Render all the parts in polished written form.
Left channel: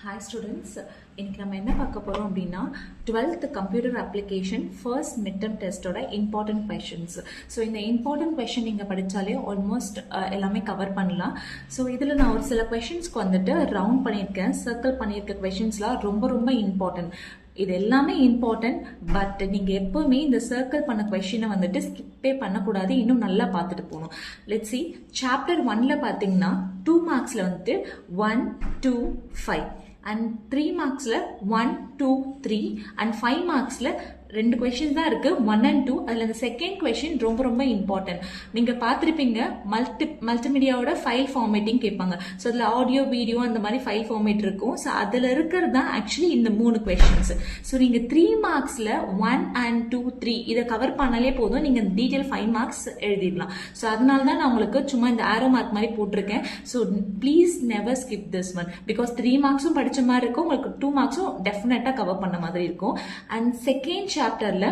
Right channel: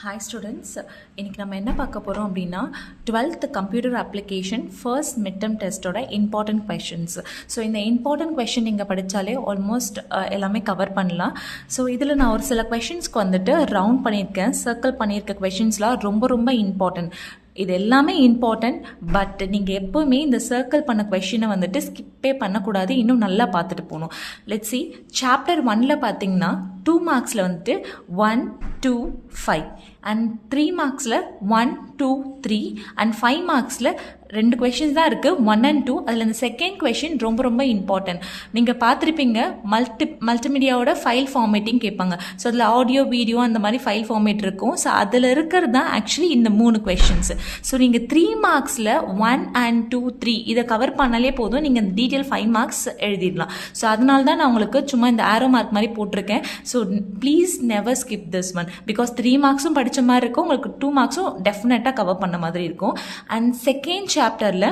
Hi students, இன்றைக்கி நம்ம என்ன பார்க்க போகிறோம் அப்படின்னா 12th computer application first mid term டெஸ்ட்டோட இம்பார்ட்டன்ட் கொஷின்ஸ். ஸோ இந்த இம்பார்ட்டன்ட் கொஷின் நீங்கள் படித்தாலே ஆல்மோஸ்ட் எல்லாமே கவர் பண்ணலாம். ஸோ இதில் நான் ஒரு சில கொஷின்ஸ்க்கு வந்துட்டு ரவுண்ட் பண்ணியிருக்கேன், சர்க்கிள் பண்ணியிருக்க கொஷின்ஸ்லாம் ரொம்ப ரொம்ப இம்பார்ட்டன்ட். இது எல்லாமே இம்பார்ட்டன்ட். பட் நீங்கள் எப்போவுமே இந்த சர்க்கிள் பண்ண கொஷினை வந்துட்டு ஸ்கிப்பே பண்ணக்கூடாது, இன்னும் நல்லா பார்த்துட்டு போகணும். லெட்ஸ் சி, சாப்டர் 1ல் பார்த்தீங்கன்னா 2 மார்க்ஸில் வந்துட்டு 1, 2, 5 அண்ட் 3 மார்க்ஸில் 1, 2, 3 அண்ட் 5 மார்க்ஸில் 2 கொஷின்ஸ் தான் இருக்குது, 1 and 2. அதில் இந்த செகண்ட் கொஷின் ரொம்ப ரொம்ப இம்பார்ட்டன்ட். நீங்கள் பார்த்துருப்பீங்க, மல்டிமீடியாவோட ஃபைல் ஃபார்மேட்டிங் கேட்பாங்க. ஸோ அதில் ஆடியோ வீடியோ அந்த மாதிரி ஃபைல் ஃபார்மேட் இருக்கும். ஸோ அதில் இருக்கிறது தான் ஆக்சுவலி இந்த 3 கொஷின்ஸ். ஸோ நீங்கள் 3 மார்க்ஸில் 1 and 2, 3 இதை கவர் பண்ணாலே போதும், நீங்கள் டீட்டெயில் 5 மார்க்ஸ் எழுதிடலாம். ஸோ அதனால தான் நான் உங்களுக்கு சும்மா இந்த ஆரோ மார்க் மாதிரி போட்டிருக்கேன். So please never skip this one, because 3 மார்க்ஸும் படித்த மாதிரி இருக்கும், உங்களுக்கு 2 மார்க்ஸும் டெஃபினட்டாக கவர் பண்ண மாதிரி இருக்கும். அண்ட் செகண்ட் சாப்டரில்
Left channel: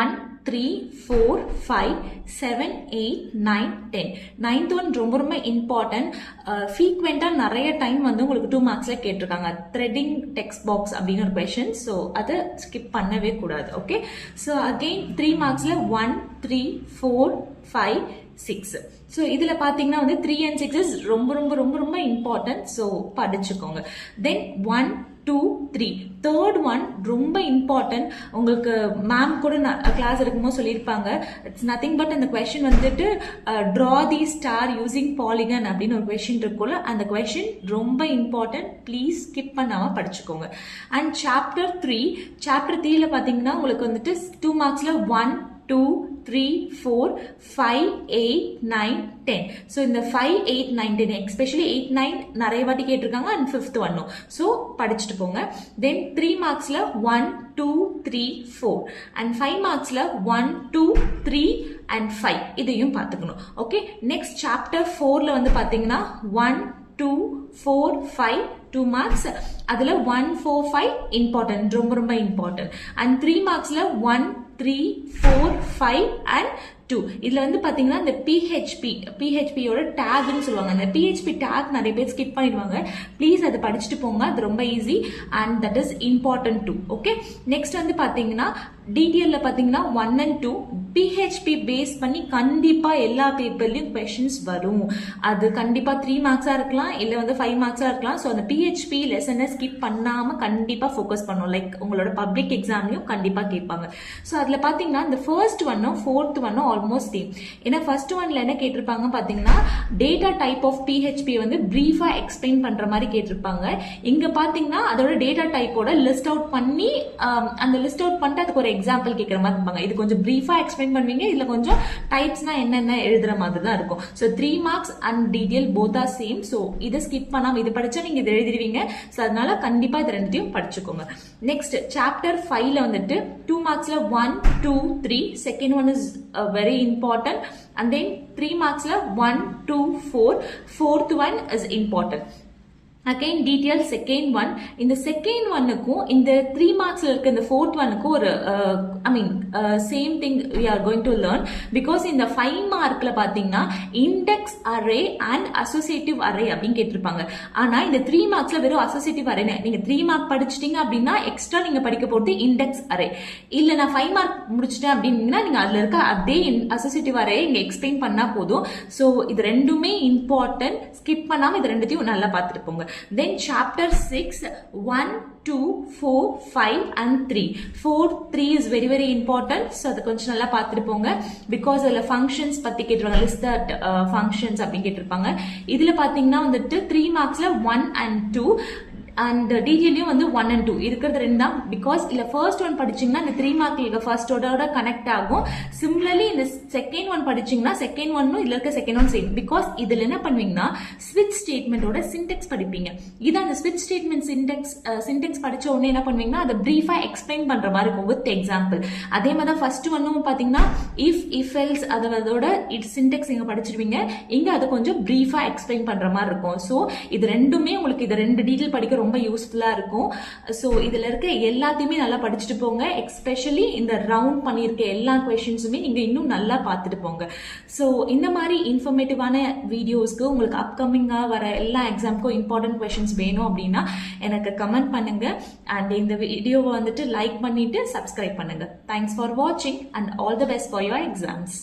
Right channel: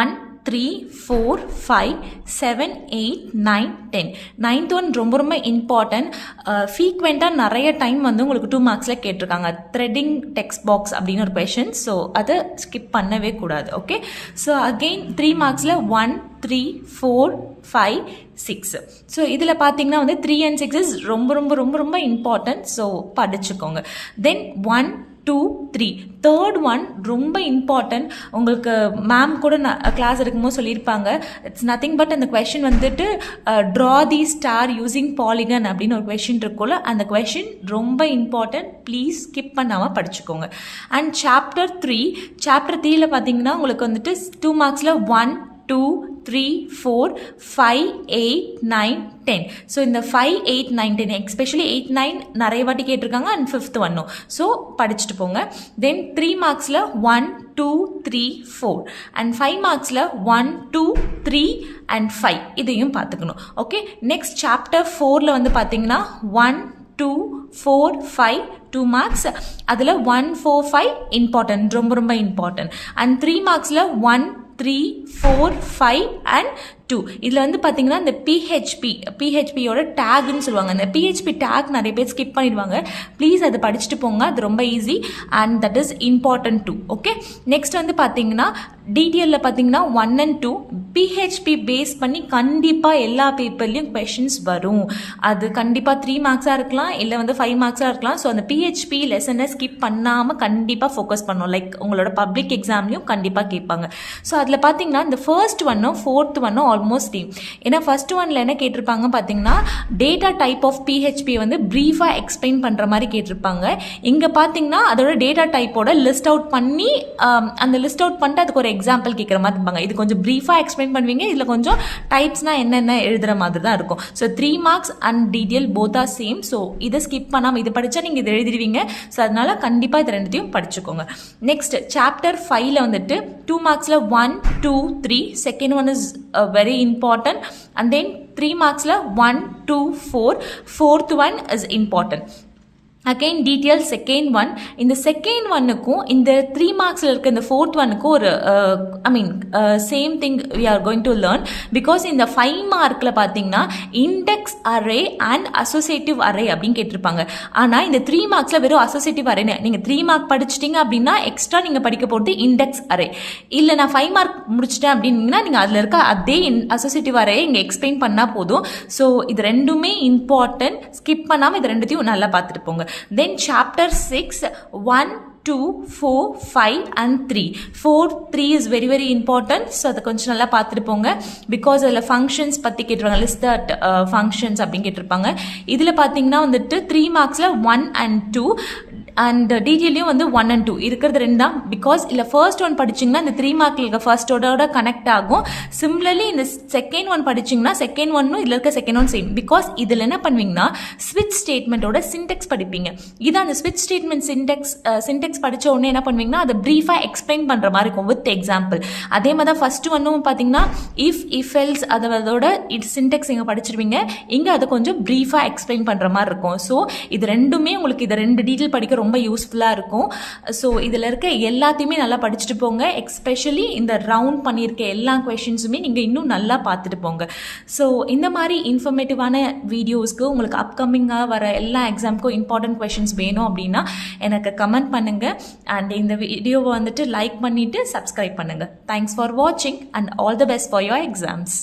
1, 3, 4, 5, 7, 8, 9, 10. 9th ஒன் ரொம்ப ரொம்ப இம்பார்ட்டன்ட். ஃப்ரீக்வெண்ட்டாக நிறைய டைம் வந்து உங்களுக்கு 2 மார்க்ஸில் கேட்டிருக்காங்க. த்ரெட்டிங் டெக்ஸ்ட் பாக்ஸ் அப்படின்னு ஒரு கொஷின். ஸோ அதை ஸ்கிப் பண்ணவே கூடாது. Okay, so again 3 மார்க்ஸில் 1, 3, 4, 5, 6. ஸோ இதில் பார்த்தீங்கன்னா வந்து 3 and 6 இஸ் ரொம்ப ரொம்ப ரொம்ப ரொம்ப இம்பார்ட்டன்ட். ஸோ படிச்சுக்கோங்க. தென் 1, 2, 3 தேர்ட் ஒன் ரொம்ப இம்பார்ட்டன்ட். உங்களுக்கு மேம் கூட கிளாஸ் இருக்கும்போது சொல்லியிருப்பாங்க, இட்ஸ் நத்திங் பட் அந்த கொஷின் வந்துட்டு ட்ரா தி ஸ்டார் யூசிங் பாலிகன் அப்படின்னு ஒரு கொஷின் இருக்கும்ல, அந்த கொஷின் ரொம்ப இம்பார்ட்டன்ட். ப்ளீஸ் ஸ்கிப் பண்ணாமல் படிச்சுக்கோங்க. அண்ட் சாப்டர் 3ல பார்த்தீங்கன்னா உங்களுக்கு வந்துட்டு 2 மார்க்ஸில் 1, 2, 3, 4, 5, 8, 9, 10. ஸோ இந்த 5, 8, 9, 10 எஸ்பெஷலி 8, 9 நிறைய வாட்டி கேட்டிருக்காங்க. அண்ட் 5th ஒன்னும். ஸோ படிச்சுட்டு போங்க. தென் 3 மார்க்ஸில் 1, 2, 3, 4 அண்ட் 5 மார்க்ஸில் 1, 2, 3 அண்ட் 5 இதையும் பார்த்துக்கணும். ஓகே, நெக்ஸ்ட் சாப்டர் 4ல் வந்து பார்த்தீங்கன்னா 1, 2, 4, 5 2 மார்க்ஸ். அதில் 1, 4, 5 இம்பார்ட்டன்ட், ரொம்ப ரொம்ப இம்பார்ட்டன்ட். And 3 மார்க்ஸில் 1, 3, 4, 5 and 2. இதில் வந்து பார்த்தீங்கன்னா இந்த பிஹெச்பியோட டேக்னு சொல்லுவாங்க. அந்த பிஹெச்பி டேக் நிறைய பேர் ஸ்கிப் பண்ணிடுவாங்க. ப்ளீஸ் அதை படிச்சுட்டு போங்க, அது ரொம்ப easy and that is important too. Okay, next வந்து பார்த்தீங்கன்னா டிடிஎல்ல பார்த்தீங்கன்னா 1 and 2 பிஹெச்பி பேஸ் பண்ணி கண்டிப்பாக எல்லா பேப்பர்லையும் கொஷின்ஸ் வரும். அது கண்டிப்பாக 3 மார்க்ஸாக இருக்கலாம், இல்லை வந்து 5 மார்க்ஸாக இருக்கலாம். ஸோ அந்த பிஹெச்பி லெசனை ஸ்கிப் பண்ணாமல் கண்டிப்பாக ஃபோக்கஸ் பண்ணணும். லைக் உங்களோட பப்ளிக் எக்ஸாம்லையும் கண்டிப்பாக கேட்பாங்க. ஸோ அதில் பார்த்தீங்கன்னா இந்த ஃபர்ஸ்ட் ஒன்னும் 4th ஒன்னும் ஆல்மோஸ்ட் சேம். ஏன்னா ஃபர்ஸ்ட் ஒன்ல என்ன கேட்டிருப்பாங்க பார்த்தீங்கன்னா டேட்டா டைப் ஆஃப் பிஹெச்பி வந்து ப்ரீஃபாக எக்ஸ்பிளைன் பண்ணுற மாதிரி கேட்டிருப்பாங்க. இங்கே பார்த்தீங்கன்னா அதோட டேட்டா டைப்போட லிஸ்ட் அவுட் பண்ணி அந்த லிஸ்ட் அவுட் பண்ணிட்டு அதுக்கு ஒரு எக்ஸாம்பிள் கேட்குற மாதிரி இருப்பாங்க. இது கொஞ்சம் ப்ரீஃபாக எக்ஸ்பிளைன் பண்ணுவீங்க, இதில் கொஞ்சம் டைப்ஸ்னா என்னென்ன எழுதுகிற மாதிரி தான் இருக்கும். So 3 marks and detail both are same. So இதை ஸ்கிப் பண்ணாமல் இது படித்தா நீங்கள் இது எழுதிடுவீங்க. ஸோ அதனால கண்டிப்பாக இது ரெண்டுத்தையும் படிச்சுக்கோங்க. நெக்ஸ்ட் சாப்டர் 5ல் வந்துட்டு 2 மார்க்ஸில் 1, 2, 3 second one is very important and then 3 marks la 1, 2, 4 fourth one is important. Again detail second one. இந்த செகண்ட் ஒன்னுக்கும் இந்த 3 மார்க்ஸில் இருக்க இந்த 4th ஒன்னுக்கும் ஒரு same thing we are going to learn, because இந்த 5 மார்க்கில் பார்த்தீங்கன்னா index array and associative array அப்படின்னு கேட்டிருப்பாங்க. ஆனால் இந்த 3 மார்க்ஸில் வெறும் அசோசியேட்டிவ் அரே. நீங்கள் 3 மார்க் படிச்சிட்டிங்க அப்படின்னா எக்ஸ்ட்ரா நீங்கள் படிக்க போகிறது இண்டெக்ஸ் அரே. இல்லை நான் 5 மார்க் முடிச்சிட்டேன் அப்படின்னா நீங்கள் அதில் இருக்க அதே அசோசியேட்டிவ் அரே இங்கே எக்ஸ்பிளைன் பண்ணால் போதும். ஸோ இது ரெண்டுமே இம்பார்ட்டன்ட், ஸ்கிப் பண்ணாமல் இது ரெண்டுத்தையும் நல்லா பார்த்துட்டு போங்க. Then chapter 6, 1, 2, 4, 5 and 3. 4, 3 is very very important. So அதை கொஞ்சம் நல்லா பார்த்துட்டு போங்க. பிகாஸ் அதில் ஃபங்க்ஷன்ஸ் பற்றி கேட்டிருப்பாங்க, லிஸ்ட் தட் ஃபங்க்ஷன்ஸ் அப்படின்னு கேட்டிருப்பாங்க. இதில் பார்த்தீங்கன்னா வந்துட்டு 3 மார்க்ஸில் 1 and 2 அண்ட் டீட்டெயிலையும் வந்து 1 and 2 இருக்கிறது 2 தான். பிகாஸ் இல்லை ஃபர்ஸ்ட் ஒன் படிச்சிங்கன்னா இந்த 3 மார்க்கில் இருக்க ஃபர்ஸ்டோட கனெக்ட் ஆகும். சிமிலர்லி இந்த செகண்ட் ஒன் படிச்சிங்கன்னா செகண்ட் ஒன்னும் இதில் இருக்க செகண்ட் ஒன் சேம். பிகாஸ் இதில் என்ன பண்ணுவீங்கன்னா ஸ்விட்ச் ஸ்டேட்மெண்ட்டோட சின்டெக்ஸ் படிப்பீங்க. இதான் அந்த ஸ்விட்ச் ஸ்டேட்மெண்ட் சின்டெக்ஸ் படித்த உடனே என்ன பண்ணுவீங்கன்னா அதை ப்ரீஃபாக எக்ஸ்பிளைன் பண்ணுற மாதிரி இருக்கும் வித் எக்ஸாம்பிள். அதே மாதிரி தான் ஃபர்ஸ்ட் ஒன்னும் பார்த்தீங்கன்னா இஃப் எல்ஸ் அதோட சின்டெக்ஸ் இங்கே படிச்சிருவீங்க, இங்கே அதை கொஞ்சம் ப்ரீஃபாக எக்ஸ்பிளைன் பண்ணுற மாதிரி இருக்கும். ஸோ இது ரெண்டுமே உங்களுக்கு இதை 2 டீட்டெயில் படிக்க ரொம்ப யூஸ்ஃபுல்லாக இருக்கும். ஸோ இதில் இருக்க எல்லாத்தையுமே நல்லா படிச்சுட்டு போங்க. எஸ்பெஷலி இந்த ரவுண்ட் பண்ணியிருக்க எல்லா கொஷின்ஸுமே நீங்கள் இன்னும் நல்லா பார்த்துட்டு போங்க. ஸோ இந்த மாதிரி இன்ஃபர்மேட்டிவான வீடியோஸ்க்கு உங்களுக்கு அப்கமிங்காக வர எல்லா எக்ஸாமுக்கும் இம்பார்ட்டன்ட் கொஷின்ஸ் வேணும் அப்படின்னா எனக்கு கமெண்ட் பண்ணுங்கள். அண்ட் இந்த வீடியோவை வந்துட்டு லைக் பண்ணிவிட்டு சப்ஸ்கிரைப் பண்ணுங்கள். தேங்க்ஸ் ஃபார் வாட்சிங் and all the best for your exams.